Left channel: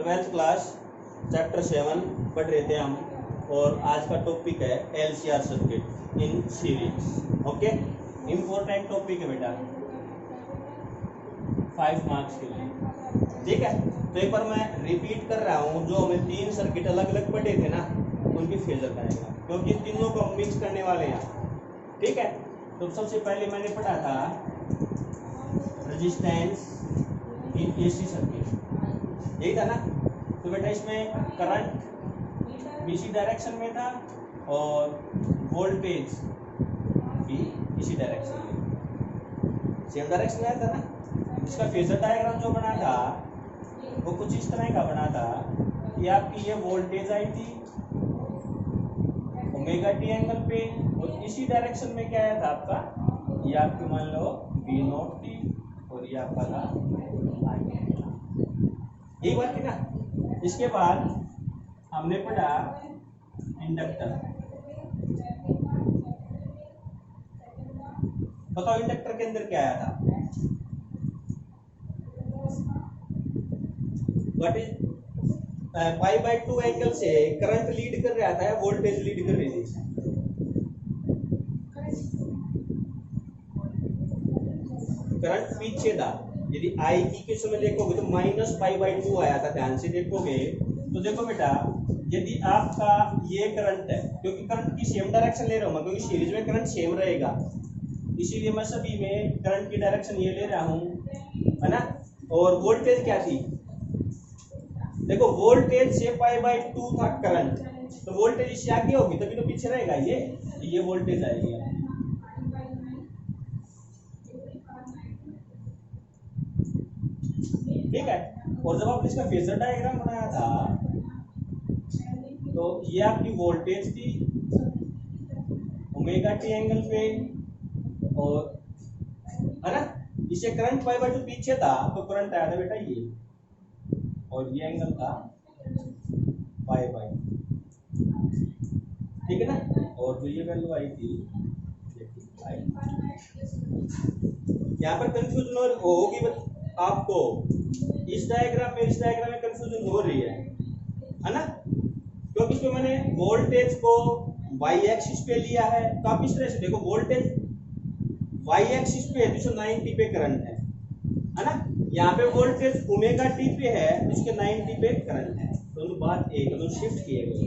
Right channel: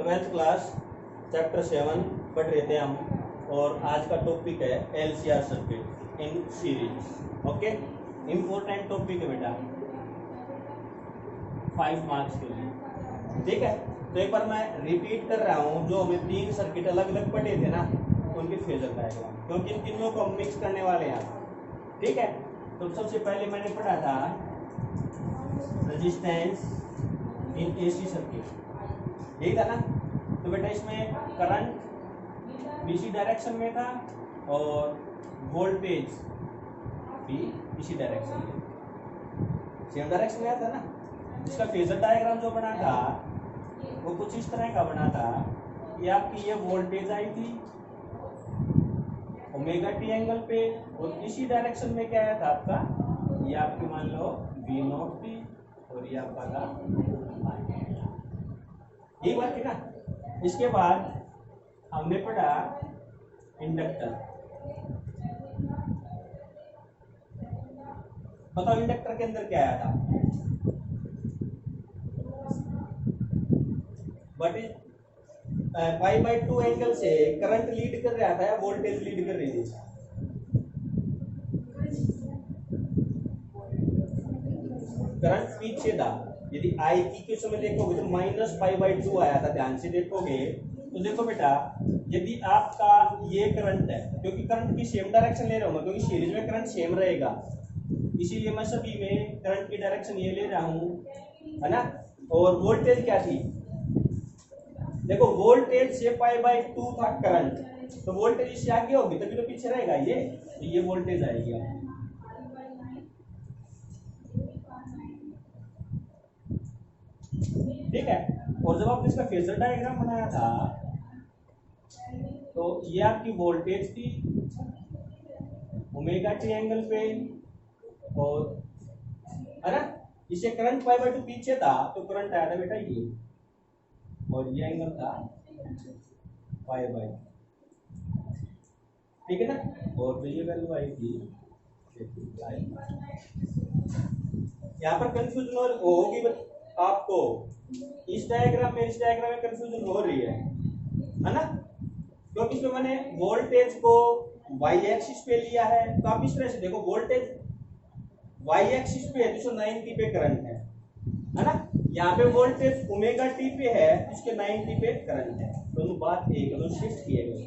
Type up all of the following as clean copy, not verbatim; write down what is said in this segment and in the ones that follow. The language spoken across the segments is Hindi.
ट्वेल्थ क्लास चैप्टर 7 पढ़ रहे थे हम, और आज का टॉपिक है LCR circuit in series. Okay, important topic है बेटा 5 मार्क्स के लिए, ठीक है। तो एक बार मैं रिपीट कर रहा हूँ, जो हमें 3 सर्किट अलग अलग पढ़े थे ना, उनकी फेजर डायग्राम, क्योंकि तीनों को हम मिक्स करने वाले हैं, ठीक है। तो सबसे पहले मैंने पढ़ा था रेजिस्टेंस इन AC सर्किट, यही था ना। तो बेटा इसमें करंट इसी डायरेक्शन में था और वोल्टेज भी इसी डायरेक्शन में, सेम डायरेक्शन में था ना। इसका फेजर डायग्राम जो बना था वो कुछ इस तरह का बना था कि आपकी ये वोल्टेज आई थी ओमेगा टी एंगल पे, और इसी डायरेक्शन में क्या आया था आपका, ये आपकी मान लो V0 थी और ये आपका था, यही बात थी ना। इसके बाद हमने पढ़ा इंडक्टर। बताओ इंडक्टर के अंदर क्या आया था, व्हाट इज π/2 एंगल से करंट लीड कर रहा था या वोल्टेज लीड कर रही थी? करंट पीछे था। यदि I इक्वेशन में देखोगे तो -π/2 आया था, ध्यान से देखोगे तो देखो बेटा, यदि आपका ये करंट है, क्योंकि करंट की सेम डायरेक्शन ले रहा हूं मैं, क्योंकि सीरीज में करंट सेम रहेगा, इसीलिए मैं सभी में करंट की डायरेक्शन ये ले रहा हूं, है ना। और वोल्टेज क्या थी, देखो वोल्टेज से π/2 था करंट, तो वोल्टेज इससे आगे होगी तभी तो पीछे रहेगा ये वोल्टेज आएगी आपकी, ठीक है। और जब आपने इसका फेजर डायग्राम बनाया था तो ये आपकी वोल्टेज थी ओमेगा टी एंगल पे, और है ना, इसे करंट π/2 पीछे था तो करंट आया था बेटा ये, और ये एंगल था π/2, ठीक है ना। और जो ये वैल्यू आई थी यहाँ पर कंफ्यूजन होगी आपको, इस डायग्राम में इस डायग्राम में कंफ्यूजन हो रही है ना, क्योंकि इसमें मैंने वोल्टेज को y एक्सिस पे लिया है। तो आप इस तरह से देखो, वोल्टेज y एक्सिस पे है, 290 पे करंट है ना। यहाँ पे वोल्टेज ओमेगा टी पे है, इसके 90 पे करंट है, दोनों बात एक, दोनों शिफ्ट किए गए,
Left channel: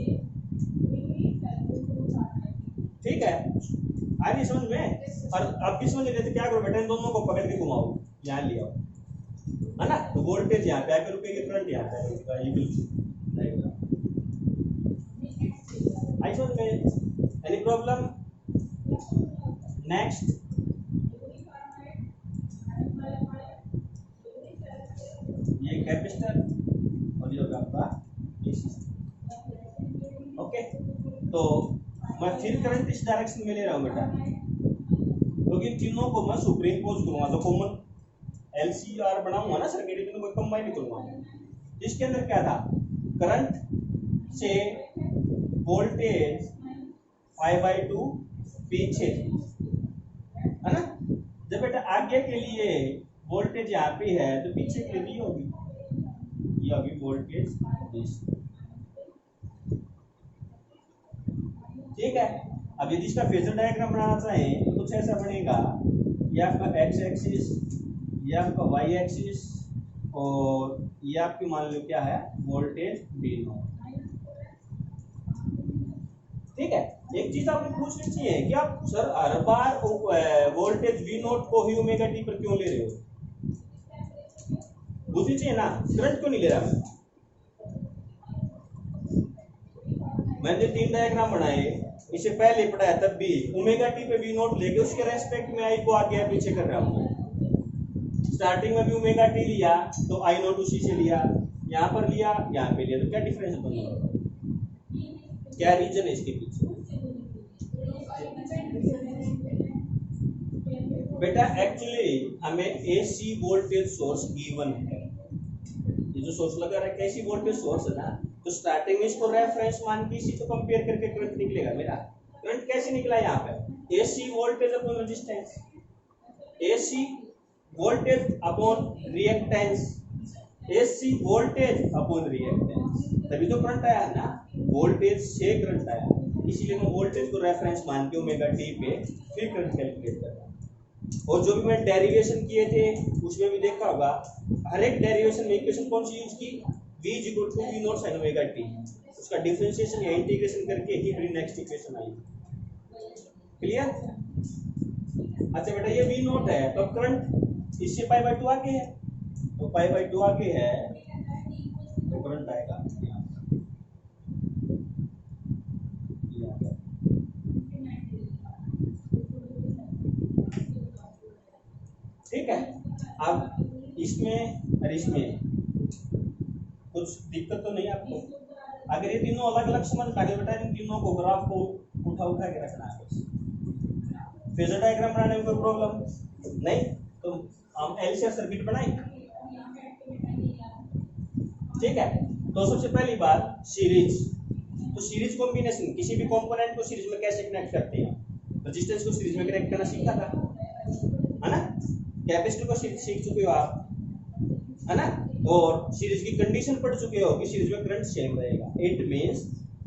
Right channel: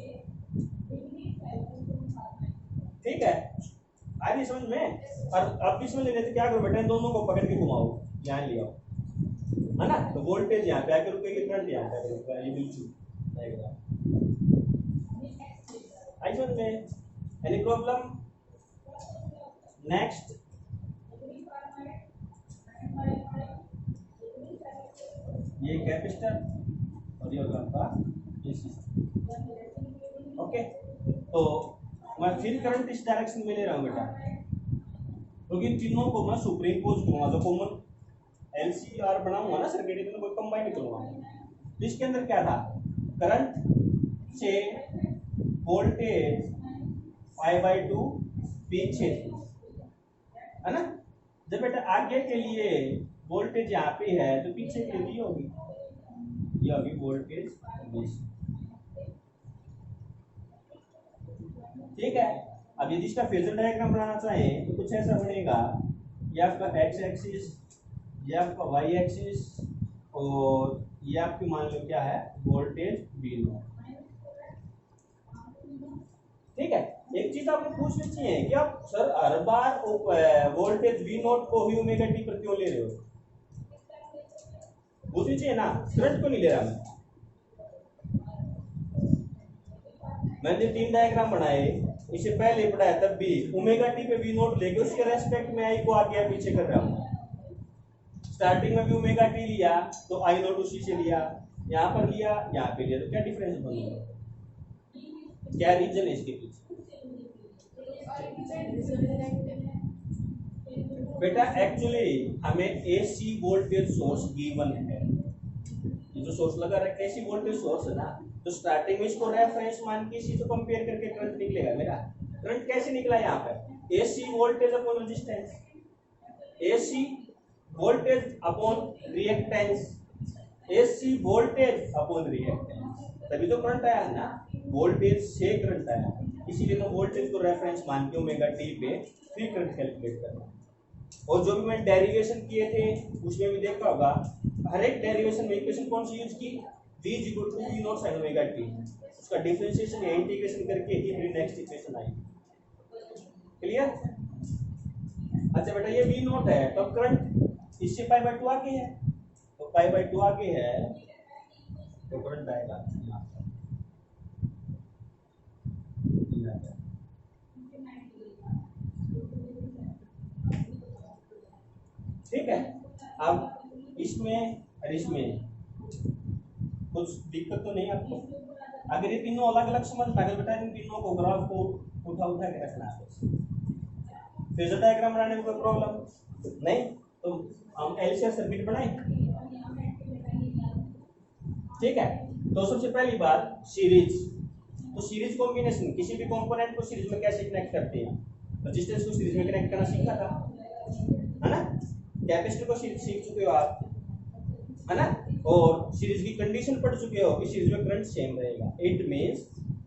ठीक है। आगे समझ में, और आप भी समझ लेते क्या करो बेटा, इन दोनों को पकड़ के घुमाओ, यहाँ ले आओ, है ना। तो वोल्टेज यहाँ पे आकर रुकेगी, करंट यहाँ पे रुकेगा, ये बिल्कुल रहेगा। आई समझ में, एनी प्रॉब्लम? नेक्स्ट, ये कैपेसिटर और ये होगा आपका AC। ओके, तो मैं फिर करंट इस डायरेक्शन में ले रहा हूँ बेटा, क्योंकि इन तीनों को मैं सुपरइम्पोज करूंगा, तो कॉमन LCR बनाऊंगा ना सर्किट, इनको कोई कंबाइन करूंगा। इसके अंदर क्या था, करंट से वोल्टेज π/2 पीछे, है ना। जब बेटा आगे के लिए वोल्टेज यहाँ पे है तो पीछे के लिए होगी, ये होगी वोल्टेज, ठीक है। अब यदि इसका फेजर डायग्राम बनाना चाहें तो कुछ ऐसा बनेगा, ये आपका x एक्सिस, ये आपका y एक्सिस, और ये आपकी मान लो क्या है, वोल्टेज V0, ठीक है। एक चीज आपने पूछनी चाहिए कि आप सर हर बार वोल्टेज V0 को ही ओमेगा टी पर क्यों ले रहे हो, पूछनी चाहिए ना, करंट क्यों नहीं ले रहा मैंने 3 डायग्राम बनाए, इसे पहले पढ़ाया तब भी ओमेगा टी पे V0 लेके उसके रेस्पेक्ट में I को आगे या पीछे कर रहा हूँ। स्टार्टिंग में भी ओमेगा टी लिया तो I0 उसी से लिया, यहाँ पर लिया, यहाँ पे लिया, तो क्या डिफरेंस बनेगा, क्या रीजन है इसके पीछे बेटा? एक्चुअली हमें AC वोल्टेज सोर्स गिवन है, ये जो सोर्स लगा रखा है AC वोल्टेज सोर्स है ना, तो स्टार्टिंग में इसको रेफरेंस मान के इसी से कंपेयर करके करंट निकलेगा मेरा। करंट कैसे निकला यहाँ पे, AC voltage upon resistance, AC voltage upon reactance, AC voltage upon reactance, तभी तो करंट आया ना, वोल्टेज से करंट आया, इसीलिए मैं वोल्टेज को रेफरेंस मान के ओमेगा टी पे फिर करंट कैलकुलेट कर रहा हूँ। और जो भी मैं डेरिवेशन किए थे उसमें भी देखा होगा, हर एक डेरिवेशन में इक्वेशन कौन सी यूज की, v = v not sin omega T, उसका डिफरेंशिएशन या इंटीग्रेशन करके ही फिर नेक्स्ट इक्वेशन आई। क्लियर? अच्छा बेटा ये v नॉट है, तो करंट इससे पाई बाय 2 आगे है, तो पाई बाय 2 आगे है तो करंट आएगा यहाँ पर, ये आ गया। ठीक है, अब इसमें और इसमें कुछ दिक्कत तो नहीं आपको? अगर ये तीनों अलग अलग समझ पाए बेटा, इन तीनों को ग्राफ को उठा उठा के रखना है बस, फेजर डायग्राम बनाने में कोई प्रॉब्लम नहीं। तो हम एलसीआर सर्किट बनाएंगे। ठीक है, तो सबसे पहली बात सीरीज, तो सीरीज कॉम्बिनेशन, किसी भी कंपोनेंट को सीरीज में कैसे कनेक्ट करते हैं, रेजिस्टेंस को सीरीज में कनेक्ट करना सीखा था, है ना, कैपेसिटर को सीख चुके हो आप, है ना, और सीरीज की कंडीशन पढ़ चुके हो कि सीरीज में करंट सेम रहेगा। It means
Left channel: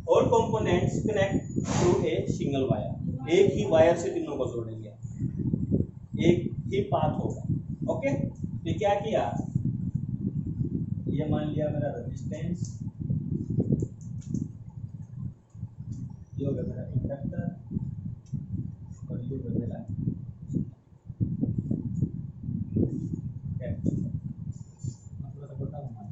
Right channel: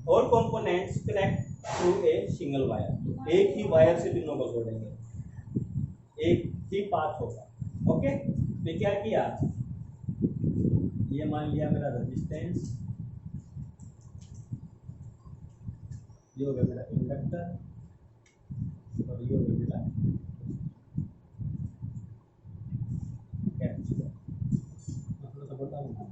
all components connect through a single wire, एक ही वायर से तीनों को जोड़ेंगे, एक ही पाथ होगा। ओके, तो क्या किया, ये मान लिया मेरा रेजिस्टेंस, ये हो गया मेरा इंडक्टर, और ये हो गया मेरा कैपेसिटर। मैं थोड़ा सा बताऊँ ना,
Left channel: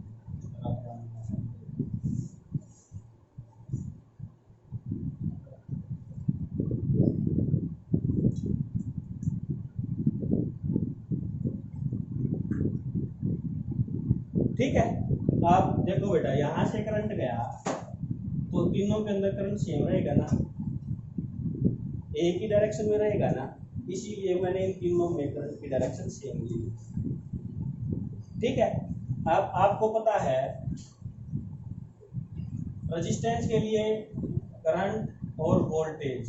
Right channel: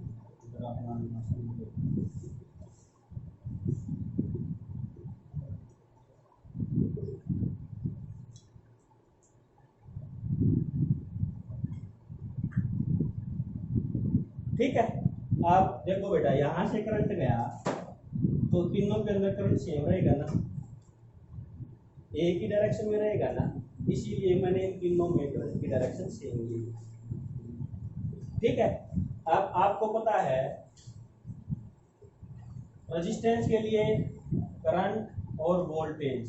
ठीक है। आप देखो बेटा, यहाँ से करंट गया तो तीनों के अंदर करंट सेम रहेगा ना, एक ही डायरेक्शन में रहेगा ना, इसीलिए मैंने इन तीनों में करंट की डायरेक्शन सेम ली। ठीक है, अब आपको पता है रेजिस्टेंस के लिए करंट और वोल्टेज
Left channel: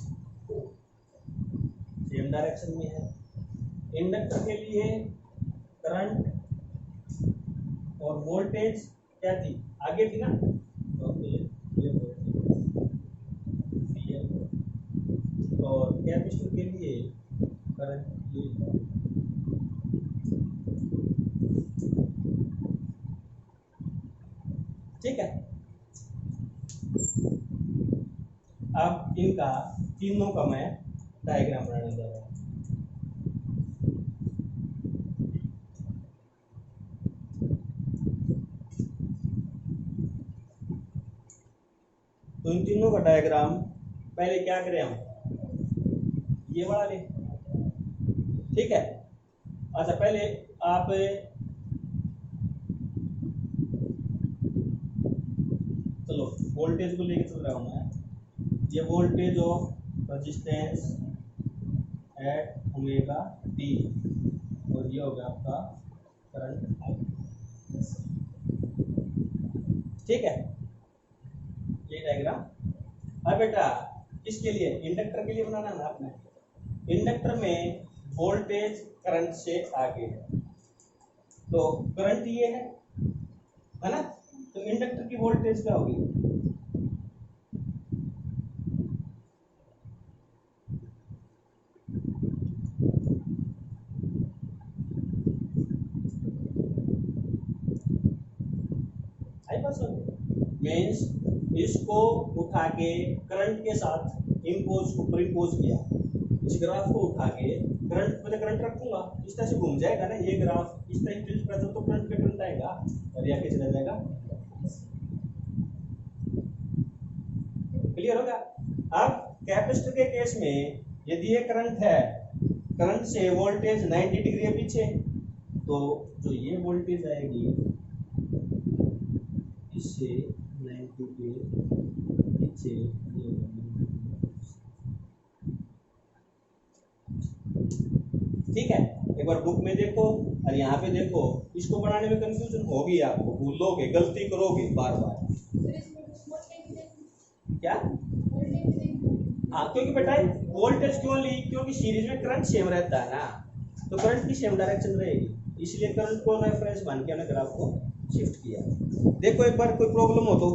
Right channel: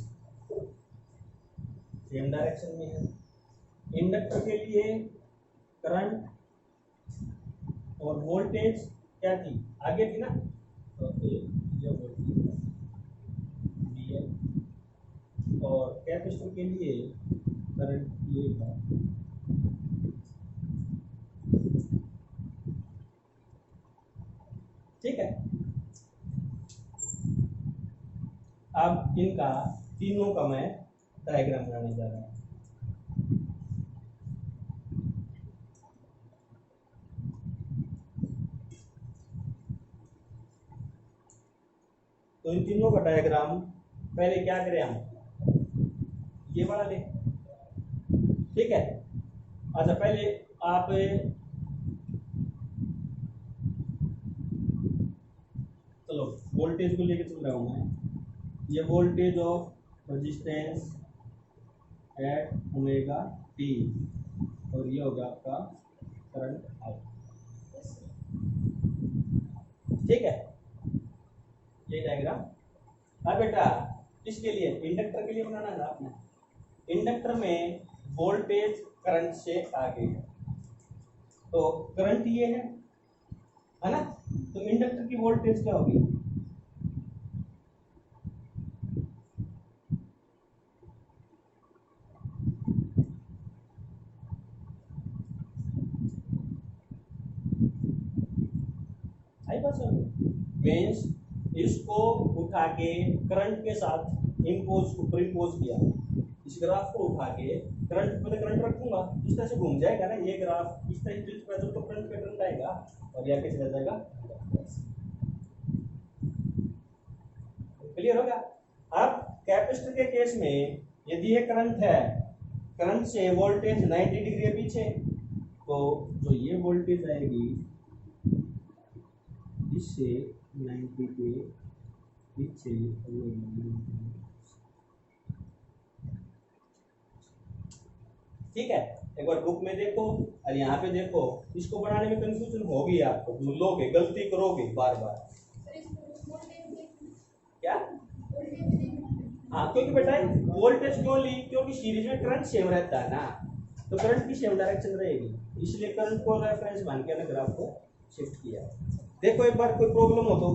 सेम डायरेक्शन में है, इंडक्टर के लिए करंट और वोल्टेज क्या थी, आगे थी ना, तो ये और कैपेसिटर के लिए करंट ये था। ठीक है, अब इनका तीनों का मैं डायग्राम बनाने जा रहा हूँ। तो इन तीनों का डायग्राम पहले क्या करें हम, ये वाला ले। ठीक है, अच्छा पहले आप चलो वोल्टेज को लेके चल रहा हूँ मैं, ये voltage of resistance at omega T, और ये होगा आपका करंट आई। ठीक है, ये डायग्राम। अब बेटा किसके लिए, इंडक्टर के लिए बनाना है ना आपने, इंडक्टर में वोल्टेज करंट से आगे है, तो करंट ये है ना, तो इंडक्टर की वोल्टेज क्या होगी, आई बात समझ, मीन्स इसको उठा के करंट के साथ इम्पोज ऊपर इम्पोज किया, इस ग्राफ को उठा के करंट पे करंट रखूंगा, इस तरह से घूम जाएगा ना ये ग्राफ, इस तरह टिल्ट पर तो करंट पे करंट आएगा और ये आगे चला जाएगा। क्लियर होगा? अब कैपेसिटर के केस में यदि ये करंट है, करंट से वोल्टेज 90 डिग्री है पीछे, तो जो ये वोल्टेज आएगी इससे 90 के पीछे, ठीक है, एक बार बुक में देखो और यहाँ पे देखो, इसको बनाने में कंफ्यूजन होगी आपको, भूलोगे, गलती करोगे बार बार। क्या? हाँ, क्योंकि बेटा वोल्टेज क्यों ली, क्योंकि सीरीज में करंट सेम रहता है ना, तो करंट की सेम डायरेक्शन रहेगी, इसलिए करंट को रेफरेंस मान के हमने ग्राफ को शिफ्ट किया। देखो एक बार कोई प्रॉब्लम हो तो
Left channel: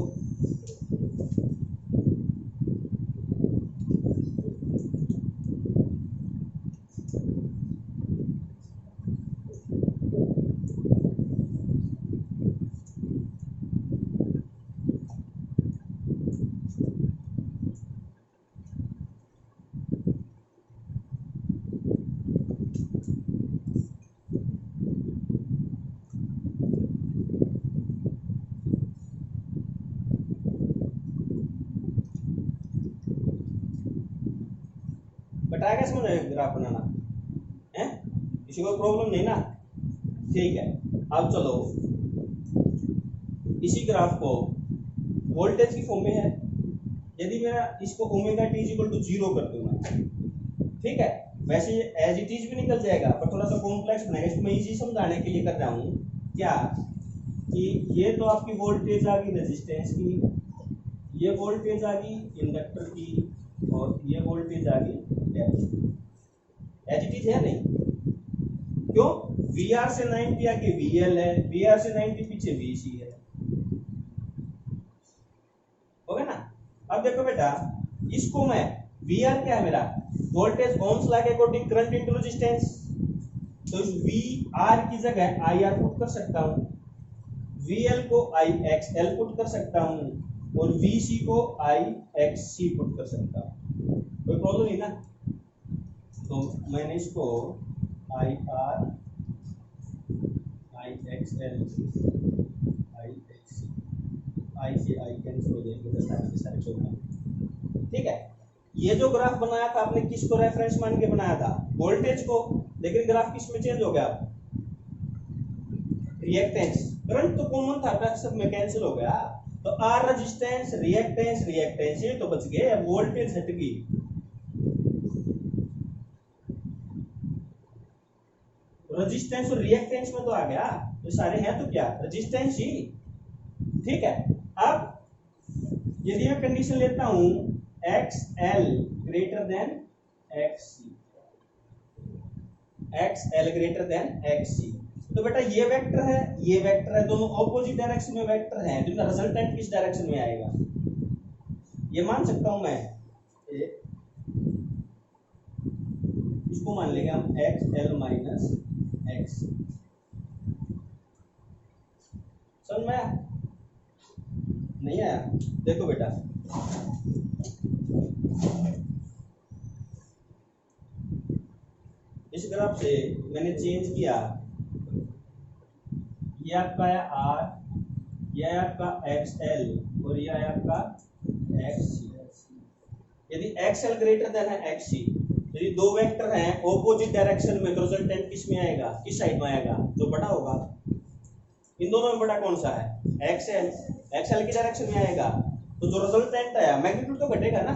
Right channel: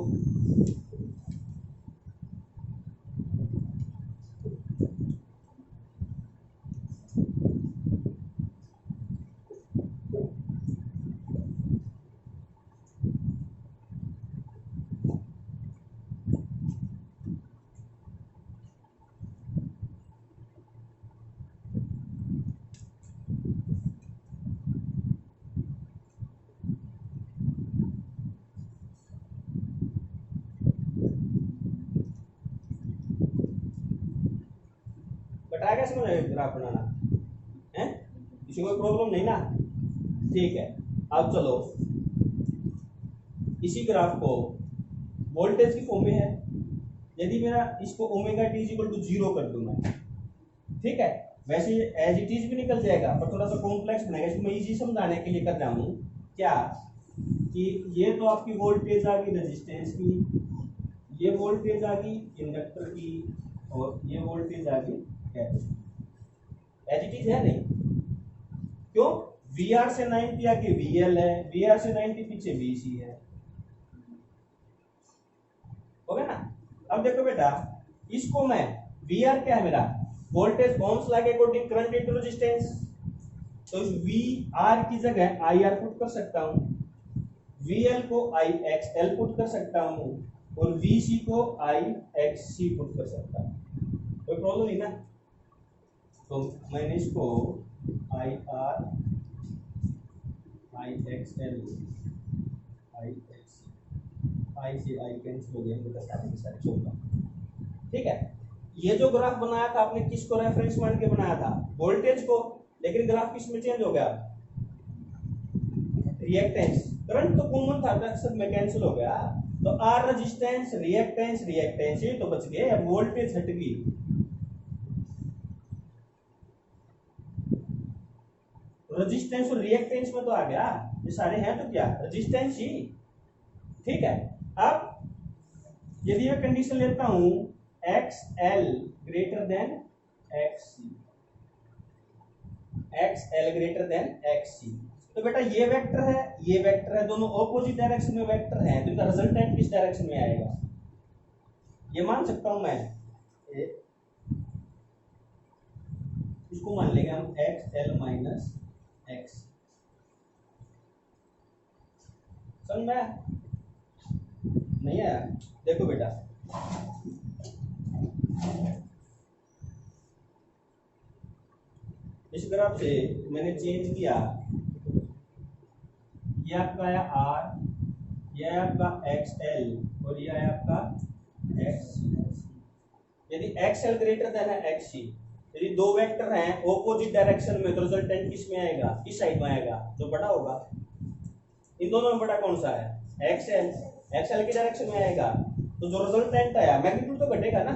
बताएगा इसमें ग्राफ बनाना है, किसी को प्रॉब्लम नहीं ना? ठीक है, अब चलो इसी ग्राफ को वोल्टेज की फॉर्म में है। यदि मेरा इसको ओमेगा टी इक्वल टू 0 कर दूं मैं, ठीक है, वैसे एज इट इज भी निकल जाएगा पर थोड़ा सा कॉम्प्लेक्स बनेगा। इसको मैं इजी समझाने के लिए कर रहा हूँ क्या कि ये तो आपकी वोल्टेज आ गई रेजिस्टेंस की, ये वोल्टेज आ गई इंडक्टर की, और ये वोल्टेज आ गई कैपेसिटर। एज इट इज है नहीं, क्यों? VR से 90 आगे VL है, VR से 90 पीछे VC है, हो गया ना? अब देखो बेटा, इसको मैं VR क्या है मेरा वोल्टेज ओम्स लॉ के अकॉर्डिंग करंट इनटू रेजिस्टेंस, तो इस VR की जगह IR पुट कर सकता हूं, VL को IXL पुट कर सकता हूं, और VC को IXC पुट कर सकता हूं। कोई प्रॉब्लम नहीं ना? तो मैंने इसको IR IXL IXC, I से I कैंसिल हो जाएंगे, तो सारे के सारे 14। ठीक है, ये जो ग्राफ बनाया था आपने किसको रेफरेंस मान के बनाया था? वोल्टेज को, लेकिन ग्राफ किस में चेंज हो गया? रिएक्टेंस। करंट तो कॉमन था, सब में कैंसिल हो गया, तो आर रेजिस्टेंस रिएक्टेंस रिएक्टेंस ये तो बच गए, अब वोल्टेज हट गई। रेजिस्टेंस और रिएक्टेंस में तो आ गया, ये सारे हैं तो क्या रेजिस्टेंस ही। ठीक है, अब यदि मैं कंडीशन लेता हूं XL greater than XC, XL greater than XC, तो बेटा ये वेक्टर है, ये वेक्टर है, दोनों ऑपोजिट डायरेक्शन में वेक्टर हैं, तो इनका रिजल्टेंट किस डायरेक्शन में आएगा? ये मान सकता हूं मैं, इसको मान लेंगे हम XL माइनस XC। समझ में आया? नहीं आया? देखो बेटा, इस ग्राफ से मैंने चेंज किया, ये आपका आया R, ये आपका XL और ये आपका XC। यदि XL ग्रेटर देन है XC, यदि दो वेक्टर हैं ऑपोजिट डायरेक्शन में, तो रिजल्टेंट किस में आएगा? किस साइड में आएगा? जो बड़ा होगा। इन दोनों में बड़ा कौन सा है? XL। XL की डायरेक्शन में आएगा, तो जो रिजल्टेंट आया मैग्नीट्यूड तो घटेगा ना,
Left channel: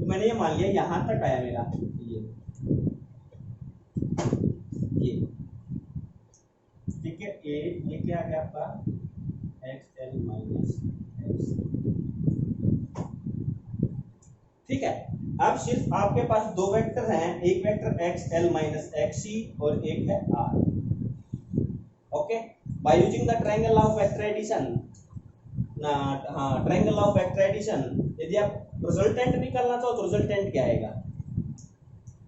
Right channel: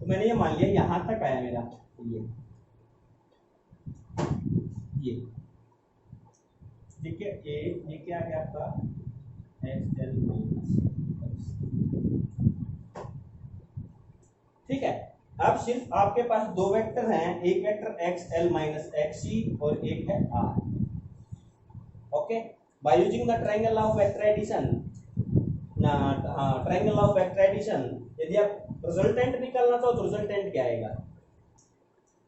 तो मैंने ये मान लिया यहां तक आया मेरा, ये ठीक है। ये क्या आ गया आपका? XL minus XC। ठीक है, अब सिर्फ आपके पास दो वेक्टर हैं, एक वेक्टर XL माइनस XC और एक है R। Okay, by using the triangle of vector addition ना, हाँ ट्रायंगल ऑफ वेक्टर एडिशन, यदि आप रिजल्टेंट निकालना चाहो तो रिजल्टेंट क्या आएगा?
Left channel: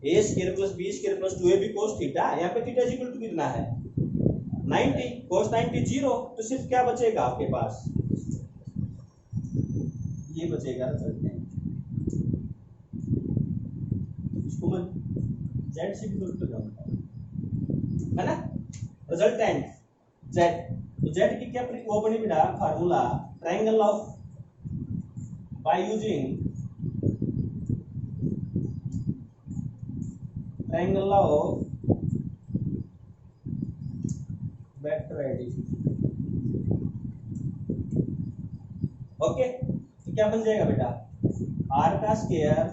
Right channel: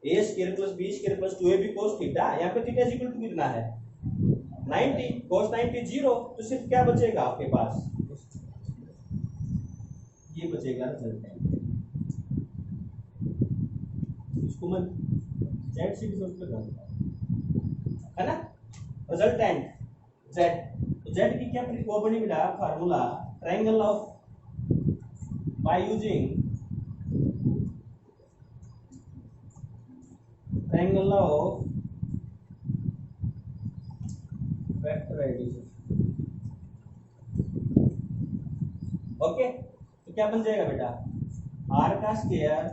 a square plus b square plus 2ab cos theta, यहाँ पे थीटा इक्वल टू कितना है? 90, cos 90 0, तो सिर्फ क्या बचेगा आपके पास? ये बचेगा रिजल्टेंट। इसको मैं z से भी सोल्व कर दूंगा, है ना? रिजल्टेंट z, तो z की क्या वो बनी बेटा formula, triangle of by using triangle of vector addition. Okay, तो क्या बन जाएगा बेटा? r का square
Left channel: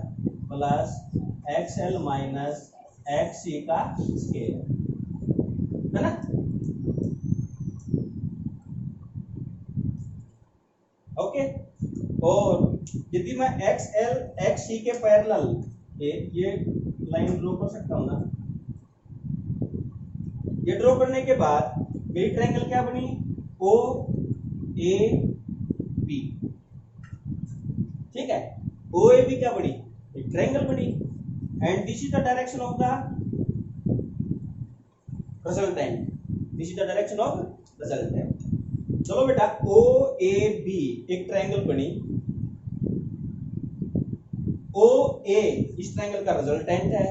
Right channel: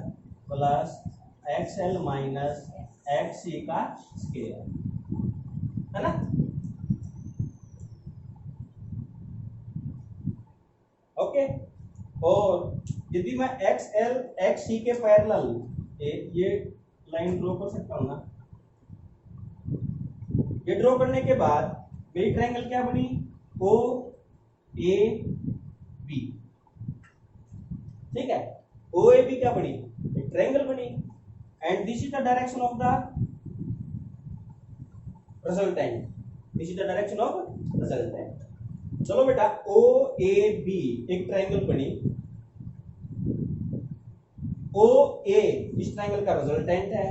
plus XL minus XC का स्क्वायर, है ना? ओके, और यदि मैं XL XC के पैरेलल ये लाइन ड्रॉ कर सकता हूं ना, ये ड्रॉ करने के बाद मेरी ट्रायंगल क्या बनी? ओ ए बी, ठीक है। ओ ए बी क्या बनी, एक ट्रायंगल बनी, and this is the direction of the resultant, this is the direction of resultant. चलो बेटा, ओ ए बी एक ट्रायंगल बनी, ओ ए इस ट्रायंगल का रिजल्टेंट है,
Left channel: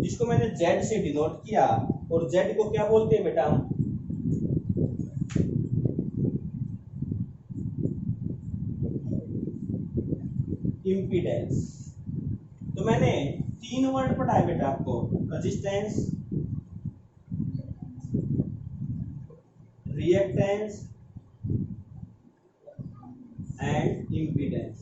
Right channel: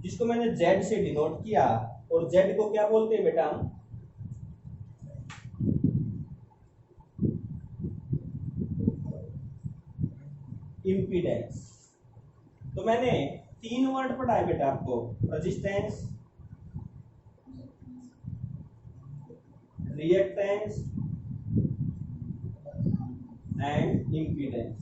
जिसको मैंने जेड से डिनोट किया, और जेड को क्या बोलते हैं बेटा हम, इम्पीडेंस। तो मैंने 3 वर्ड पढ़ाए बेटा आपको, रेजिस्टेंस, रिएक्टेंस एंड इम्पीडेंस,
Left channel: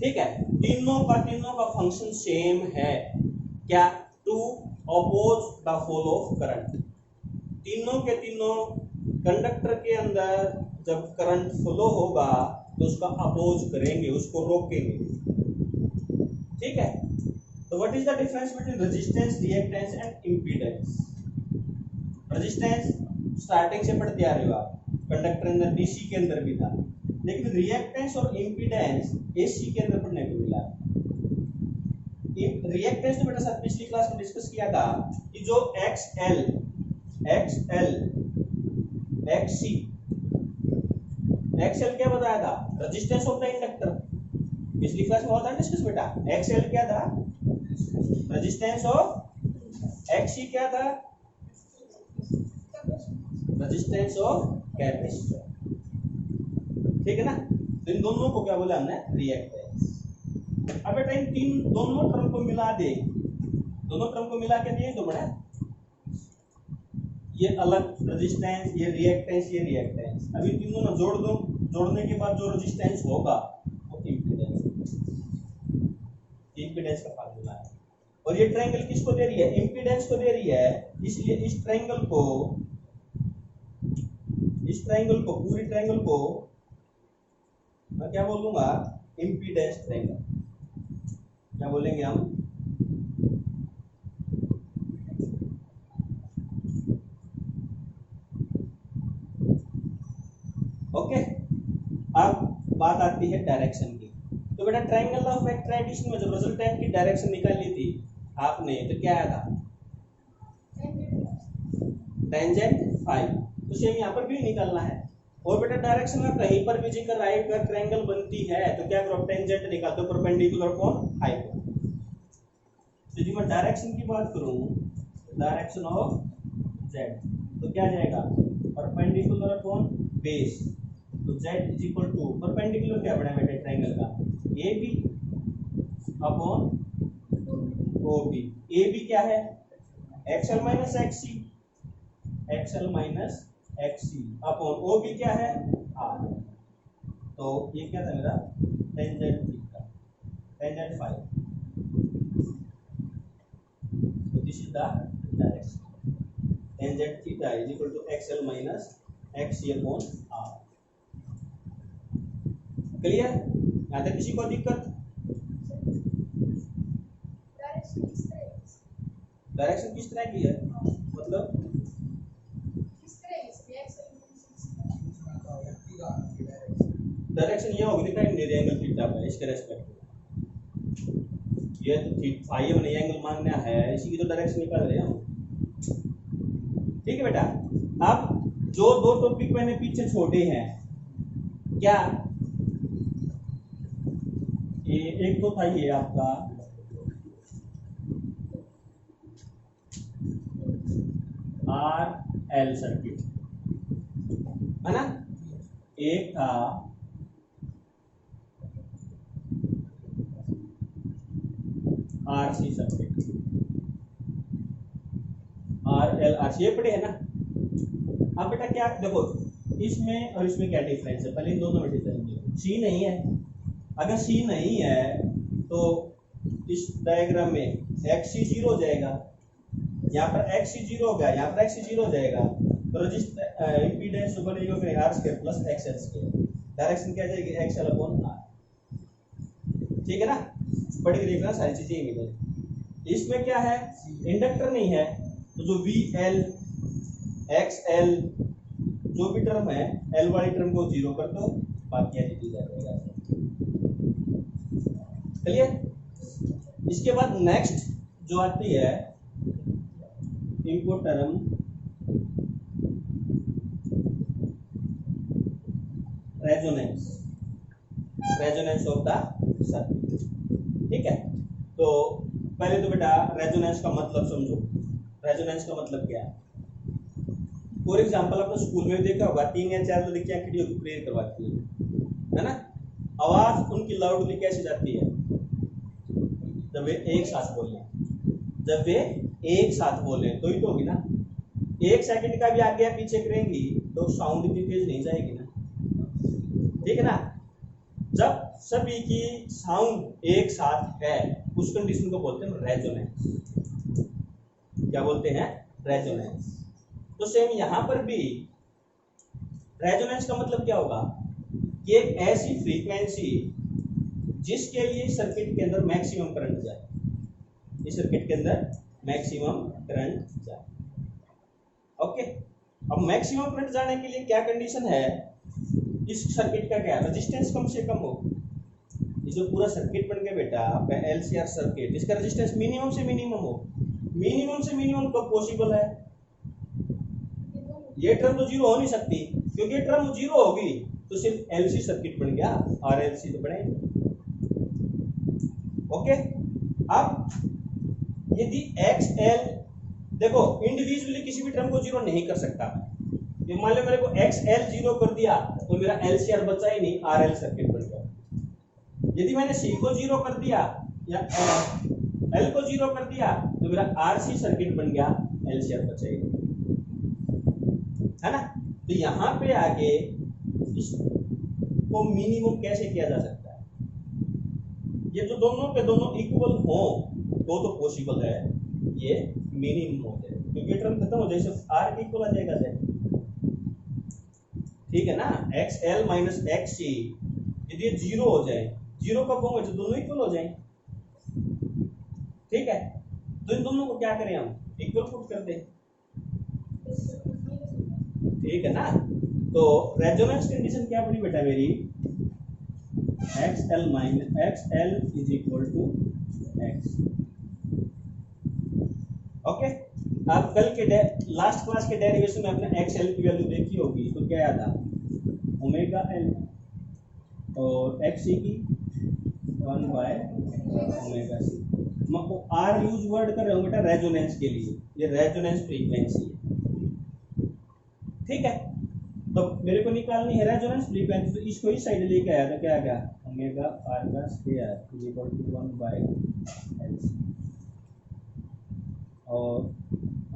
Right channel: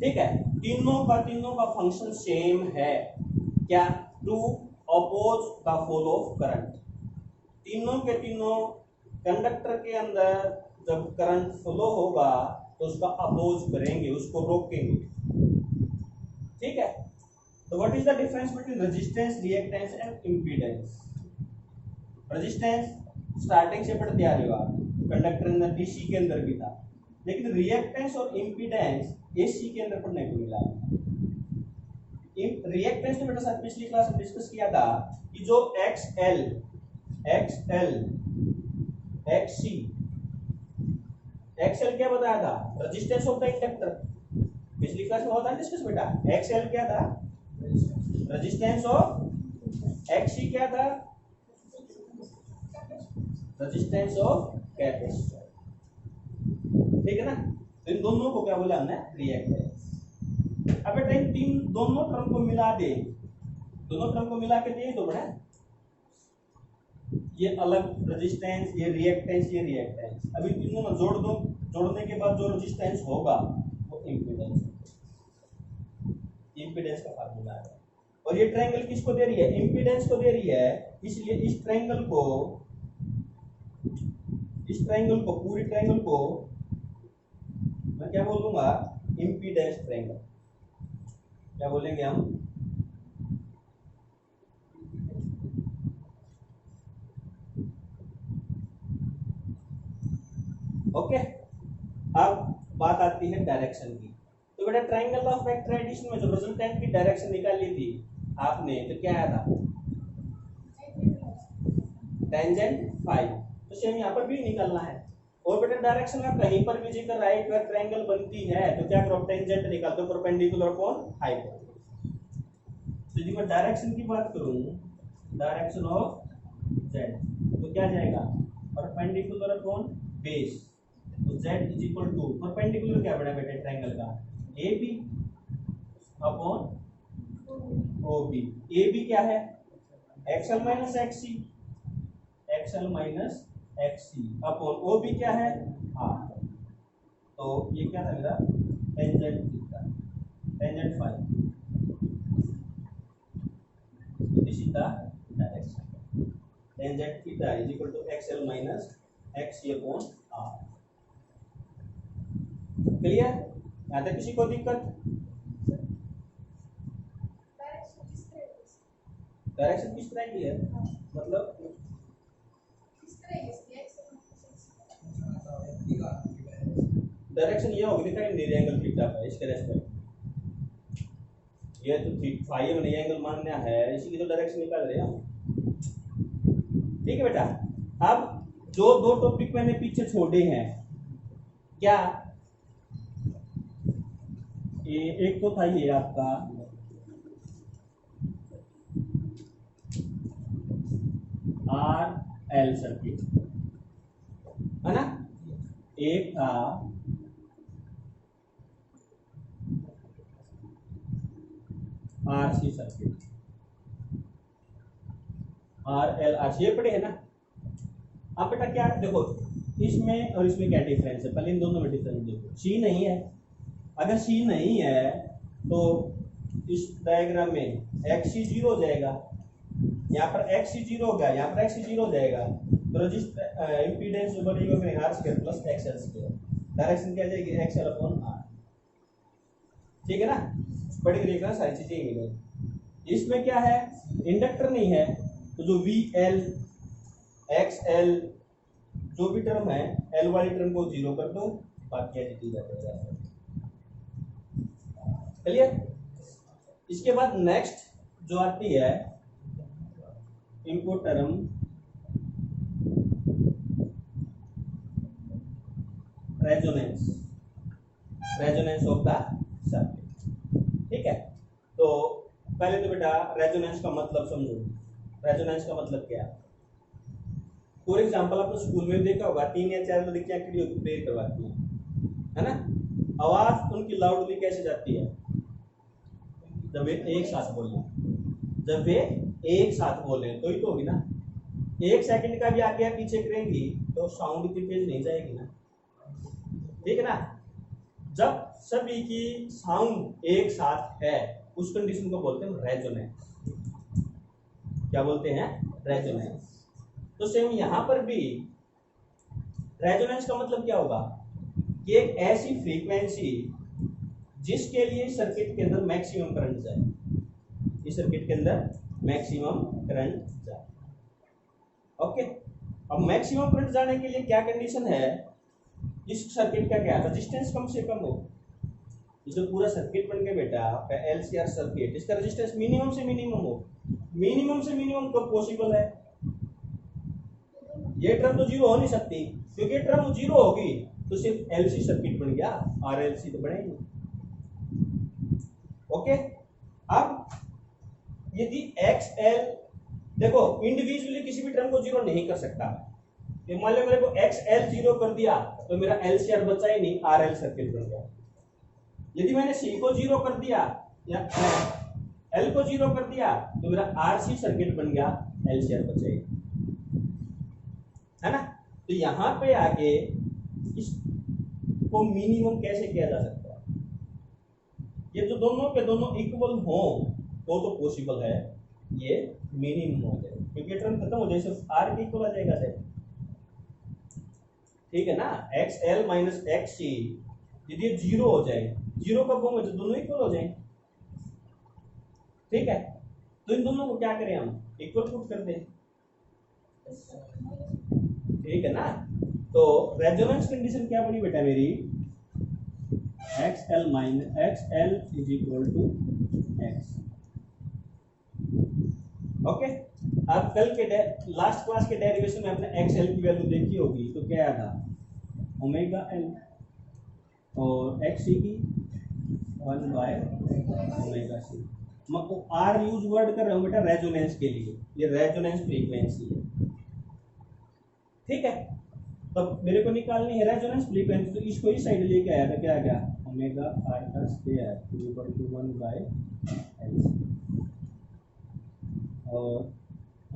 ठीक है। तीनों का फंक्शन सेम है, क्या, to oppose the flow of current. तीनों के तीनों कंडक्टर के अंदर जब करंट फ्लो होगा तो उसका अपोज करेंगे, उसको रोकेंगे, ठीक है। तो what is the difference between resistance, reactance and impedance. Resistance starting से पढ़ते आ रहे हो आप, कंडक्टर अंदर डीसी के अंदर भी था, लेकिन रिएक्टेंस और इम्पीडेंस एसी के अंदर पढ़ने को मिला। रिएक्टेंस तो बेटा सर पिछली क्लास में डिस्कस किया था कि जो XL XC XL क्या बताया था, रेजिस्टेंस ऑफ द इंडक्टर, पिछली क्लास में हुआ था डिस्कस बेटा। XL क्या था, रेजिस्टेंस ऑफ, XC क्या था, रेजिस्टेंस ऑफ कैपेसिटर, ठीक है ना। इन दोनों को क्या बोला हमने, रिएक्टेंस। अब बेटा इन तीन दोनों टर्म को मिला दे, दोनों टर्म को मिला के दे तो बड़ा, ये अलग रेजिस्टेंस, ये रिएक्टेंस, ये रिएक्टेंस, अभी तीनों ना जोड़ दो, जोड़ने के बाद जो रेजिस्टेंस होगा वो इम्पीडेंस, इम्पीडेंस का फार्मूला है। और ये ट्रायंगल किसको दे रही है, इम्पीडेंस को दे रही है, इसलिए इस ट्रायंगल को, पूरी ट्रायंगल को मैं क्या बोल दूंगा, इम्पीडेंस ट्रायंगल। क्या बोलेंगे हम, ओके। अब बात आती है डायरेक्शन की। तो बेटा ट्रायंगल ऑफ एक्ट्राइटेशन में जब रिजल्टेंट की डायरेक्शन निकाली थी आपने, तो क्या आया था, टेंजेंट फाई, तो सेम यहाँ पर भी निकालना है। और बेटा डायरेक्शन में कहीं पर भी जिक्र राइट का ट्रायंगल बनती है तो क्या करो, टेंजेंट निकाल दो, परपेंडिकुलर कौन, हाइपोटेन्यूज। तो जी मैं डायरेक्शन की बात करूं, डायरेक्शन ऑफ जेड, तो क्या जाएगा, परपेंडिकुलर कौन, बेस, तो Z is equal to, perpendicular क्या बना बेटा ट्रायंगल का, A B upon O B. A B क्या है, XL minus XC, XL minus XC upon O B क्या है, आर। तो ये क्या था मेरा, tangent theta, tangent phi, this is the direction, tangent theta is equal to XL minus XC upon R. Clear, यहाँ तक किसी को दिक्कत, डायरेक्शन किस तरह की है, मतलब डायरेक्शन ये होगी, लिखा है एंगल थीटा पे, इसके रेस्पेक्ट, ये तो फाई में एंगल मानना है, इसी की तो डायरेक्शन निकाल रहे हैं हम, ठीक है बेटा। अब जो दो टॉपिक मैंने पीछे छोड़े हैं, क्या ये एक तो था ये आपका आर एल सर्किट है ना, एक था RC circuit, R L R C, ये पढ़े है ना। अब बेटा क्या देखो, इसमें और इसमें क्या डिफरेंस है, पहले इन दोनों में डिफरेंस देखो। सी नहीं है, अगर सी नहीं है तो इस डायग्राम में एक्सी जीरो हो जाएगा, यहाँ पर एक्सी जीरो हो गया, यहाँ पर एक्सी जीरो हो जाएगा, तो इम्पीडेंस जो बनेगा फिर R square plus XL square, direction क्या जाएगी, एक्सएल अपॉन आर, ठीक है ना। पढ़ के देखना सारी चीजें मिलेगी। इसमें क्या है, इंडक्टर नहीं है, तो जो वी एल एक्स एल जो भी टर्म है, एल वाली टर्म को 0 कर दो, बाकी एच डी जाएगा। चलिए, इसके बाद नेक्स्ट जो आती है input term resonance, resonance of the circuit. ठीक है, तो पहले तो बेटा रेजोनेंस का मतलब समझो। रेजोनेंस का मतलब क्या है? फॉर एग्जांपल आपने स्कूल में देखा होगा 3 या 4 लड़कियां खड़ी होकर प्रेयर करवाती हैं, है ना? आवाज उनकी लाउडली कैसे जाती है? जब वे एक साथ बोले, जब वे एक साथ बोले तो ही तो होगी ना। 1 सेकंड का भी आगे या पीछे करेंगी तो साउंड इतनी तेज नहीं जाएगी ना, ठीक है ना? जब सभी की साउंड एक साथ है उस कंडीशन को बोलते हैं रेजोनेंस। क्या बोलते हैं? रेजोनेंस। तो सेम यहां पर भी रेजोनेंस का मतलब क्या होगा कि एक ऐसी फ्रीक्वेंसी जिसके लिए सर्किट के अंदर मैक्सिमम करंट जाए, इस सर्किट के अंदर मैक्सिमम करंट जाए। ओके, अब मैक्सिमम करंट जाने के लिए क्या कंडीशन है? इस सर्किट का क्या रेजिस्टेंस कम से कम हो। ये जो पूरा सर्किट बन गया बेटा एलसीआर सर्किट, इसका रेजिस्टेंस मिनिमम से मिनिमम हो। मिनिमम से मिनिमम कब पॉसिबल है? ये टर्म तो 0 हो नहीं सकती, क्योंकि टर्म 0 होगी तो सिर्फ एलसी सर्किट बन गया, आरएलसी तो बनेगी। ओके, अब यदि एक्स एल, देखो इंडिविजुअली किसी भी टर्म को 0 नहीं कर सकता। ये मान लो मेरे को एक्स एल 0 कर दिया तो मेरा एलसीआर बचा ही नहीं, आरएल सर्किट बन गया। यदि मैंने सी को 0 कर दिया या एल को 0 कर दिया तो मेरा आरसी सर्किट बन गया, एलसीआर बचेगा, है ना? तो यहां पे आगे इसको मिनिमम कैसे किया जा सकता है? ये जो दोनों के दोनों इक्वल हो तो पॉसिबल है ये मिनिमम हो जाए, क्योंकि टर्म खत्म हो जाए सिर्फ आर के इक्वल आ जाएगा सर, ठीक है ना? एक्स एल माइनस एक्स सी यदि 0 हो जाए, 0 कब होंगे? तो दोनों इक्वल हो जाए, ठीक है? तो इन दोनों को क्या करें हम? इक्वल पुट कर दें, ठीक है ना? तो रेजोनेंस कंडीशन क्या बनी बेटा मेरी? X L minus X L is equal to X. Okay, अब कल के लास्ट क्लास के डेरिवेशन में आपने एक्स एल की वैल्यू देखी होगी, तो क्या आया था? ओमेगा एल, और एक्स सी की 1 बाय ओमेगा सी। मैं आर यूज वर्ड कर रहा हूँ बेटा रेजोनेंस के लिए, ये रेजोनेंस फ्रीक्वेंसी है, ठीक है? तो मेरे को निकालनी है रेजोनेंस फ्रीक्वेंसी, तो इसको इस साइड लेके आया तो क्या आ गया? ओमेगा आर का square is equal to 1 by L, और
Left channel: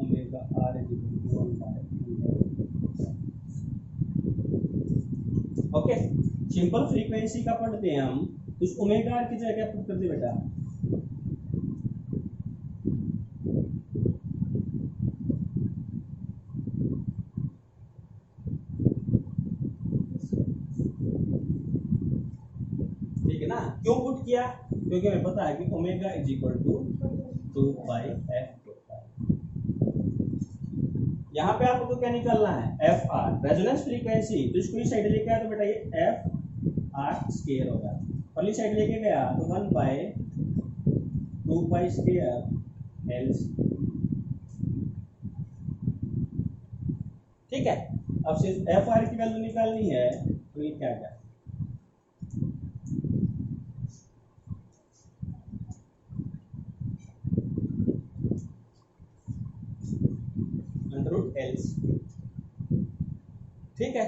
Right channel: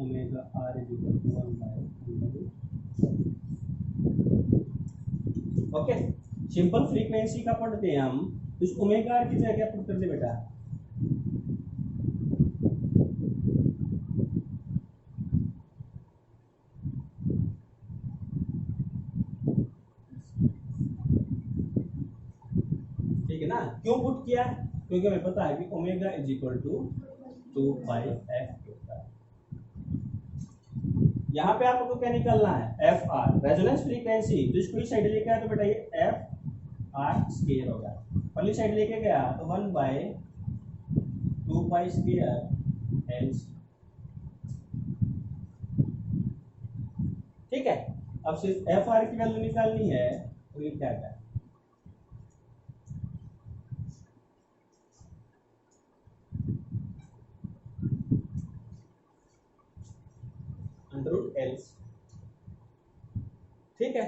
omega R is equal to 1 by. Okay, simple frequency का पढ़ते हैं हम, तो इस ओमेगा आर की जगह क्या पुट करते बेटा? ठीक है ना? क्यों पुट किया? क्योंकि हमें पता है कि omega is equal to 2 pi F होता है। यहाँ पे आपको क्या निकालना है? F R, resonance frequency. तो इसको इस साइड लेके आया तो बेटा ये एफ आर स्क्वायर होगा, पहली साइड लेके गया तो 1 बाय 2 पाई स्क्वायर एल, ठीक है? अब सिर्फ एफ आर की वैल्यू निकालनी है, तो ये क्या है? एल, ठीक है?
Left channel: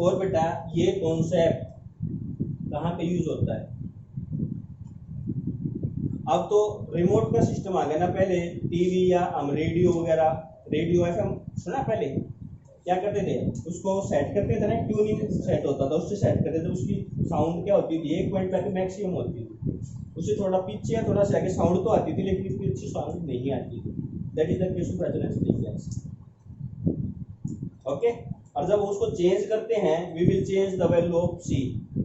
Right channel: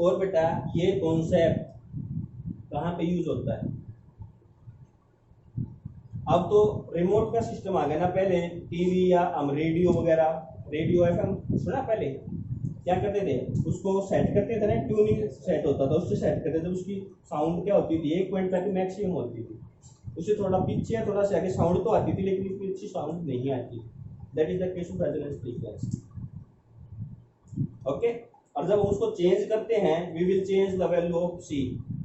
और बेटा ये कॉन्सेप्ट कहाँ पे यूज होता है? अब तो रिमोट का सिस्टम आ गया ना, पहले टीवी या हम रेडियो वगैरह, रेडियो एफएम सुना, पहले क्या करते थे? उसको सेट करते थे ना, ट्यूनिंग सेट होता था, उससे सेट करते थे, उसकी साउंड क्या होती थी? 1 पॉइंट तक मैक्सिमम होती थी, उससे थोड़ा पीछे या थोड़ा से आगे साउंड तो आती थी, लेकिन इसकी अच्छी साउंड नहीं आती थी। That is the case of resonance frequency. Okay, और जब उसको चेंज करते हैं, we will change the value of C,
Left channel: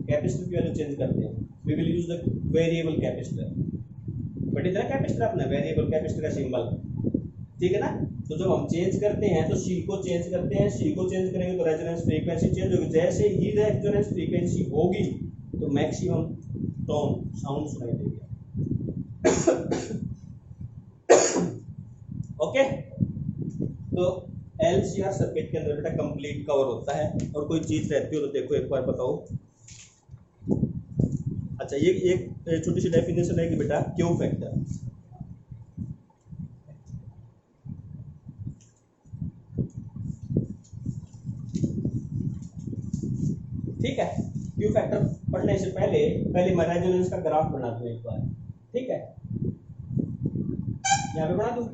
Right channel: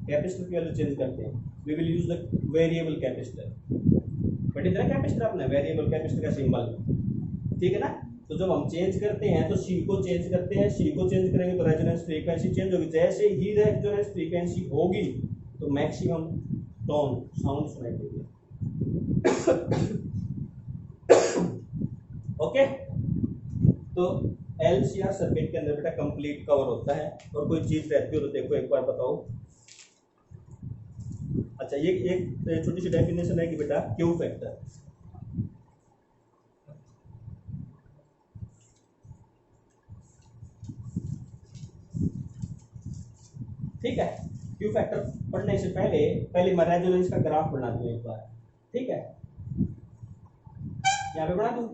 capacitor की वैल्यू चेंज करते हैं, we will use the variable capacitor. But इतना कैपेसिटर अपना वेरिएबल कैपेसिटर का सिंबल, ठीक है ना? तो जब हम चेंज करते हैं तो सी को चेंज करते हैं, सी को चेंज करेंगे तो रेजोनेंस फ्रीक्वेंसी चेंज होगी। जैसे ही रेजोनेंस फ्रीक्वेंसी होगी तो मैक्सिमम टोन साउंड सुनाई देगा। ओके, तो एलसीआर सर्किट के अंदर बेटा कंप्लीट कवर होता है। और कोई चीज रहती हो तो देखो एक बार बताओ। अच्छा, ये एक छोटी सी डेफिनेशन है कि बेटा क्यू फैक्टर, ठीक है। क्यू फैक्टर पढ़ने से पहले मैं रेजोनेंस का ग्राफ बना दूं एक बार, ठीक है। यहाँ पे बना दूं,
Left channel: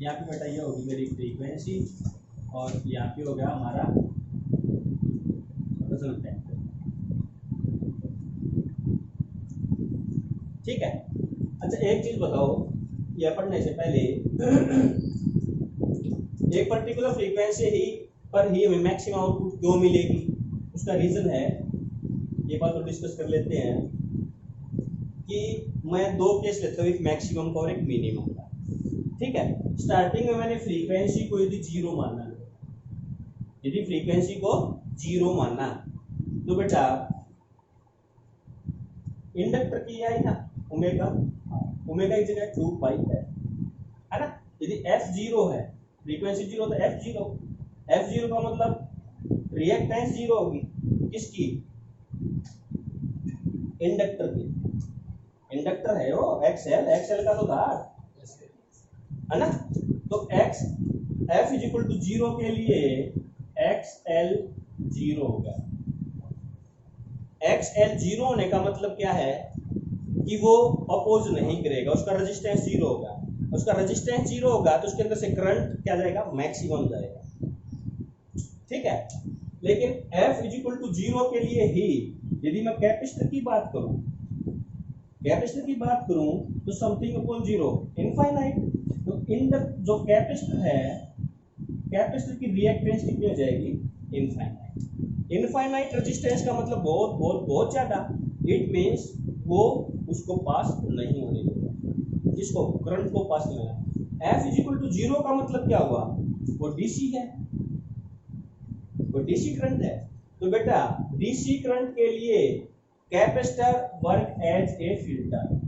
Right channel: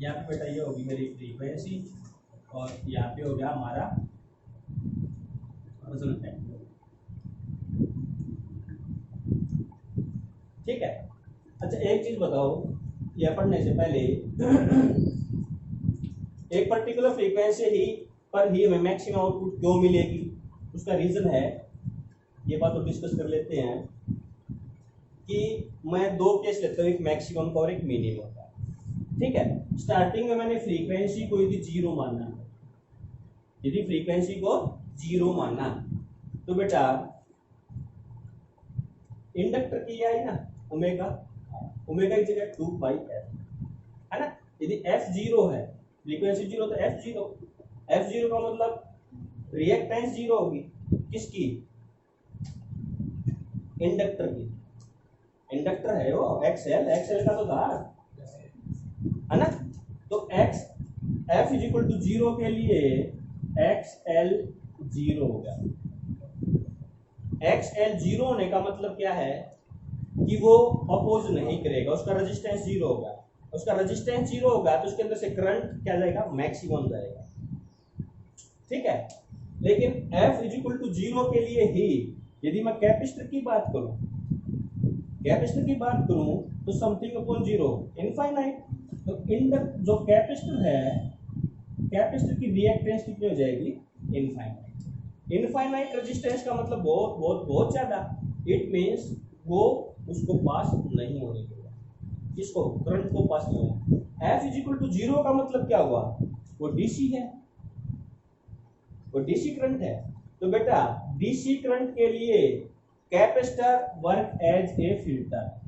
यहाँ पे बेटा ये होगी मेरी फ्रीक्वेंसी और यहाँ पे हो गया हमारा रेजोनेंस फैक्टर, ठीक है। अच्छा, एक चीज बताओ, यह पढ़ने से पहले एक पर्टिकुलर फ्रीक्वेंसी ही पर ही हमें मैक्सिमम आउटपुट क्यों मिलेगी, उसका रीजन है, ये बात तो डिस्कस कर लेते हैं कि मैं दो केस लेता हूँ, एक मैक्सिमम का और एक मिनिमम का, ठीक है। स्टार्टिंग में मैंने फ्रीक्वेंसी को यदि जीरो माना, यदि फ्रीक्वेंसी को जीरो माना तो बेटा इंडक्टर की आई ना ओमेगा, ओमेगा की जगह 2 पाई है ना। यदि एफ जीरो है, फ्रीक्वेंसी जीरो, तो एफ जीरो, एफ जीरो का मतलब रिएक्टेंस जीरो होगी, किसकी, इंडक्टर की। इंडक्टर है वो एक्सएल, एक्सएल का तो था, है ना। तो X F is equal to zero के लिए एक्सएल जीरो हो गया। एक्सएल जीरो होने का मतलब क्या है कि वो अपोज नहीं करेगा, उसका रेजिस्टेंस जीरो होगा। उसका रेजिस्टेंस जीरो होगा तो उसके अंदर से करंट क्या जाएगा, मैक्सिमम जाएगा, ठीक है। लेकिन F is equal to zero के लिए ही यदि मैं कैपेसिटर की बात करूं, कैपेसिटर की बात करूं तो समथिंग अपॉन जीरो इनफाइनाइट। तो इंडक्टर जो कैपेसिटर है, कैपेसिटर की रिएक्टेंस कितनी हो जाएगी, इनफाइनाइट। इनफाइनाइट रेजिस्टेंस का मतलब बहुत बहुत बहुत ज्यादा, इट मींस वो उसको पास नहीं होने देगा, जिसको करंट को पास नहीं होना। F is equal to zero का मतलब क्या हुआ, वो डीसी है, वो डीसी करंट है। तो बेटा डीसी करंट के लिए capacitor work as a filter,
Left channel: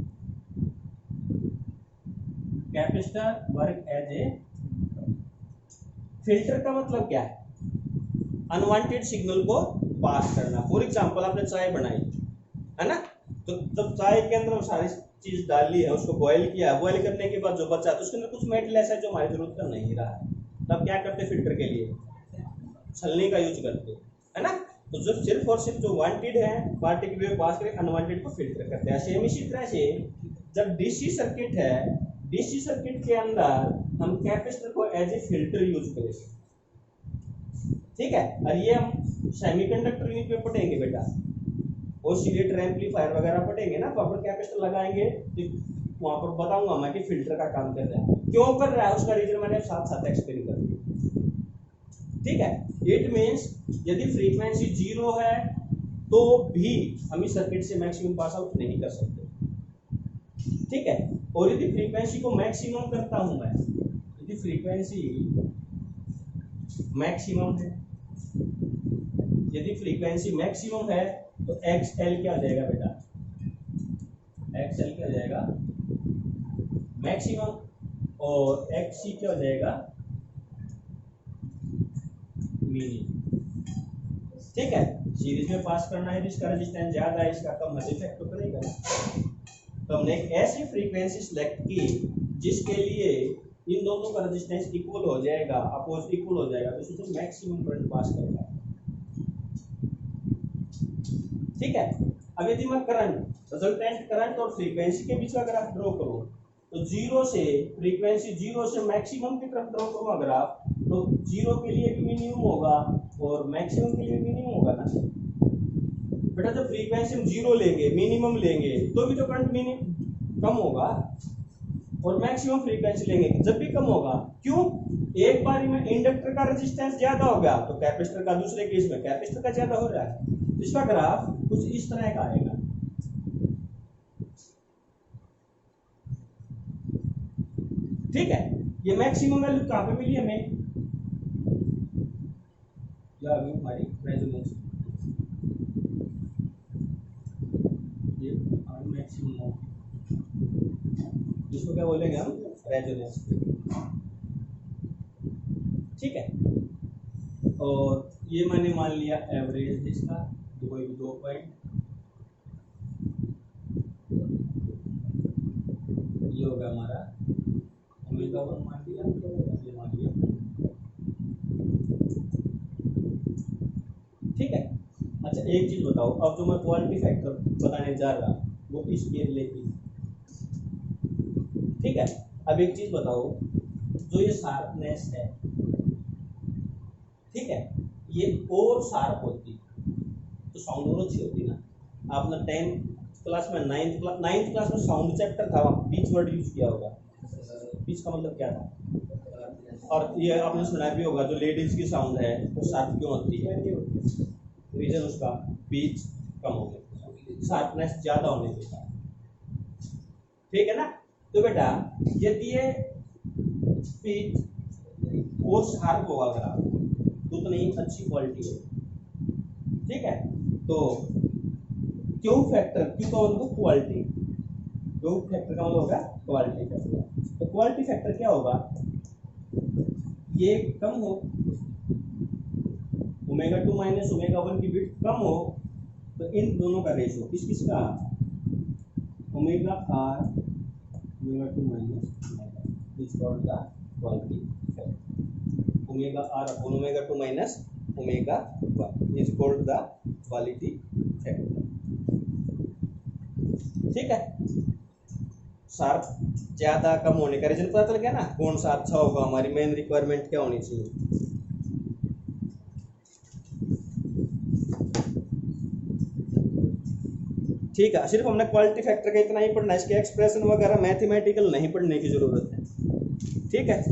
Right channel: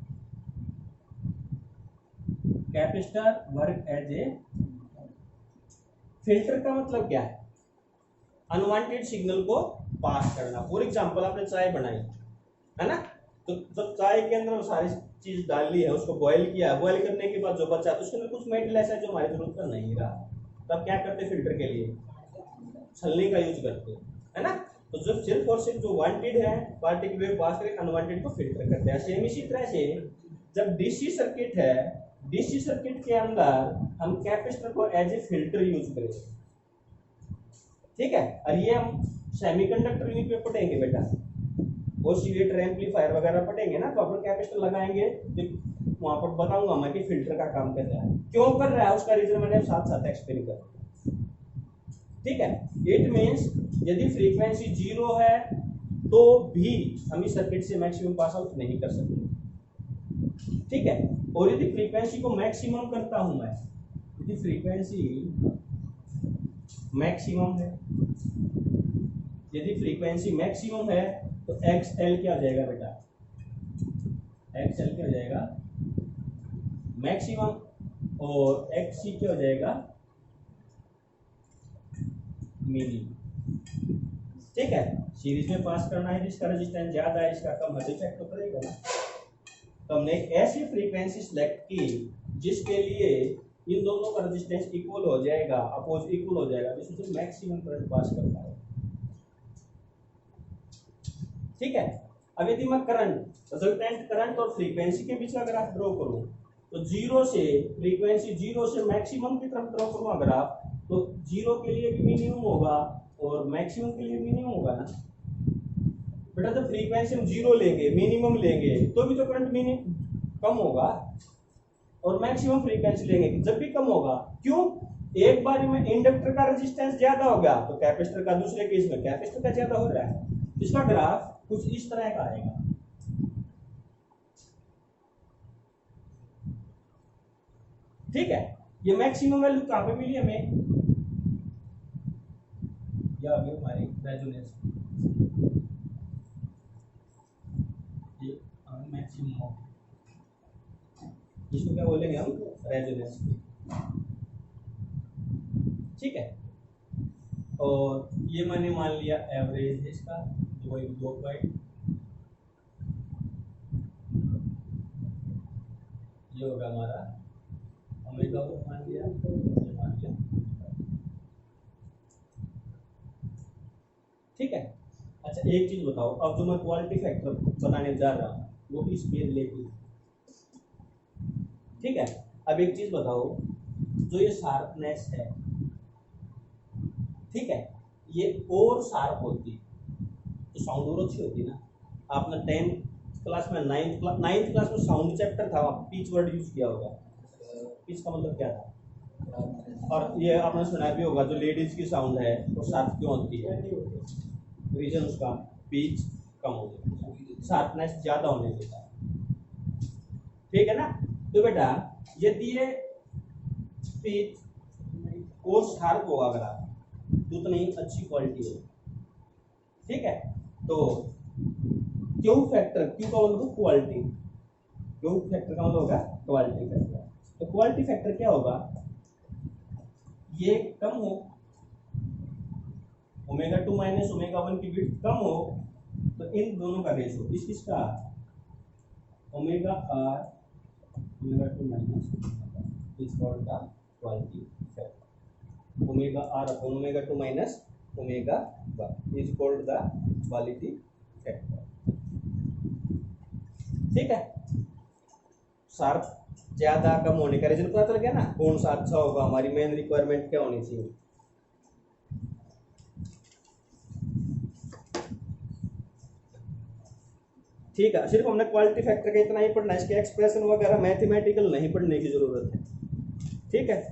capacitor work as a filter का मतलब क्या है, अनवांटेड सिग्नल को पास करना। फॉर एग्जांपल आपने चाय बनाई है ना, तो जब चाय के अंदर सारी चीज डाली है, उसको बॉईल किया, बॉईल करने के बाद जो बचा तो उसके अंदर कुछ मेटल ऐसा है जो हमारी जरूरत का नहीं रहा, तब क्या करते, फिल्टर के लिए छलनी का यूज करते, है ना। तो जब सिर्फ और सिर्फ जो वांटेड है पार्टिकल वेव पास करके अनवांटेड को फिल्टर करते हैं। सेम इसी तरह से जब डीसी सर्किट है, डीसी सर्किट के अंदर हम कैपेसिटर को एज ए फिल्टर यूज करेंगे, ठीक है। और ये हम सेमीकंडक्टर यूनिट पे पढ़ेंगे बेटा, ऑसिलेटर एम्पलीफायर वगैरह पढ़ेंगे ना, तो अपन कैपेसिटर लगाएंगे तो वहां पर बताऊंगा मैं कि फिल्टर का काम कर रहा है, क्यों कर रहा है, उसका रीजन मैंने साथ साथ एक्सप्लेन कर दिया, ठीक है। इट मींस यदि फ्रीक्वेंसी जीरो है तो भी हम इस सर्किट से मैक्सिमम पास आउट नहीं कर सकते, ठीक है। और यदि फ्रीक्वेंसी को मैक्सिमम करता हूं मैं, यदि फ्रीक्वेंसी मैक्सिमम है, यदि फ्रीक्वेंसी मैक्सिमम है तो XL क्या हो जाएगा बेटा, XL क्या हो जाएगा मैक्सिमम, और XC क्या हो जाएगा मिनिमम, ठीक है। सीरीज में पास करना है, जिसका रेजिस्टेंस ज्यादा है इसका कम है, इफेक्ट तो करेगा ना। तो हमने एक ऐसी फ्रीक्वेंसी सिलेक्ट की जिसके लिए इन दोनों का रेजिस्टेंस इक्वल हो जाएगा, अपोज इक्वल हो जाएगा, तो इसमें मैक्सिमम करंट पास कर पाएगा, ठीक है। अब यदि मैं करंट रिजल्टेंट करंट और फ्रीक्वेंसी के बीच का ग्राफ ड्रॉ करूं तो जीरो से फ्रीक्वेंसी जीरो से मैक्सिमम की तरफ ड्रॉ करूंगा ग्राफ, तो जीरो के लिए भी मिनिमम होगा और मैक्सिमम के लिए मिनिमम होगा ना बेटा। जब फ्रीक्वेंसी हम जीरो लेंगे, मिनिमम लेंगे तो भी तो करंट मिनिमम कम होगा, और मैक्सिमम फ्रीक्वेंसी लेंगे जब भी कम होगा। क्यों, एक बार में इंडक्टर का रेजिस्टेंस ज्यादा हो गया तो कैपेसिटर का दूसरे केस में कैपेसिटर का ज्यादा हो रहा है। इसका ग्राफ कुछ इस तरह का आएगा, ठीक है, ये मैक्सिमम वैल्यू कहाँ पे मिली हमें, या अभी हमारी रेजोनेंस, ये मैक्सिमम हो, इसको क्या बोलेंगे हम, रेजोनेंस। ठीक है, और ये मैंने मान लिया एवरेज है इसका, जो कोई भी 2 पॉइंट, ये होगा हमारा ओमेगा 1 मान लिया, ये मान लिया। ठीक है, अच्छा एक चीज बताओ, अब जो मैं क्वालिटी फैक्टर बताने जा रहा हूँ वो इसके रिलेटेड। ठीक है, अब एक चीज बताओ, जो ये शार्पनेस है, ठीक है, ये और शार्प होती तो साउंड और अच्छी होती ना। आपने 10th क्लास में, 9th क्लास में साउंड चैप्टर था, वहाँ पिच वर्ड यूज किया होगा। पिच का मतलब क्या था, और ये आपने सुना भी होगा, जो लेडीज की साउंड है वो शार्प क्यों होती है, रीजन उसका पिच कम हो गया, शार्पनेस ज्यादा होने देता है। ठीक है ना, तो बेटा यदि ये पिच और शार्प होगा अगर आप, तो उतनी अच्छी क्वालिटी है। ठीक है, तो क्यू फैक्टर, क्यू का मतलब क्वालिटी, क्यू फैक्टर का मतलब होगा क्वालिटी फैक्टर। तो क्वालिटी फैक्टर क्या होगा, ये कम हो, ओमेगा 2 माइनस ओमेगा 1 की बिट कम हो, तो इन दोनों का रेशो किसका, omega R omega 2 minus is called the quality factor. Omega R upon omega 2 minus omega 1 is called the quality factor. ठीक है, शार्प ज्यादा कम होने का रीजन पता चल गया ना, कौन सा अच्छा होगा, हमारी मेन रिक्वायरमेंट क्या होनी चाहिए। ठीक है, सिर्फ हमने क्वालिटी फैक्टर का इतना ही पढ़ना है, इसके एक्सप्रेशन वगैरह मैथमेटिकल नहीं पढ़ने की जरूरत है। ठीक है।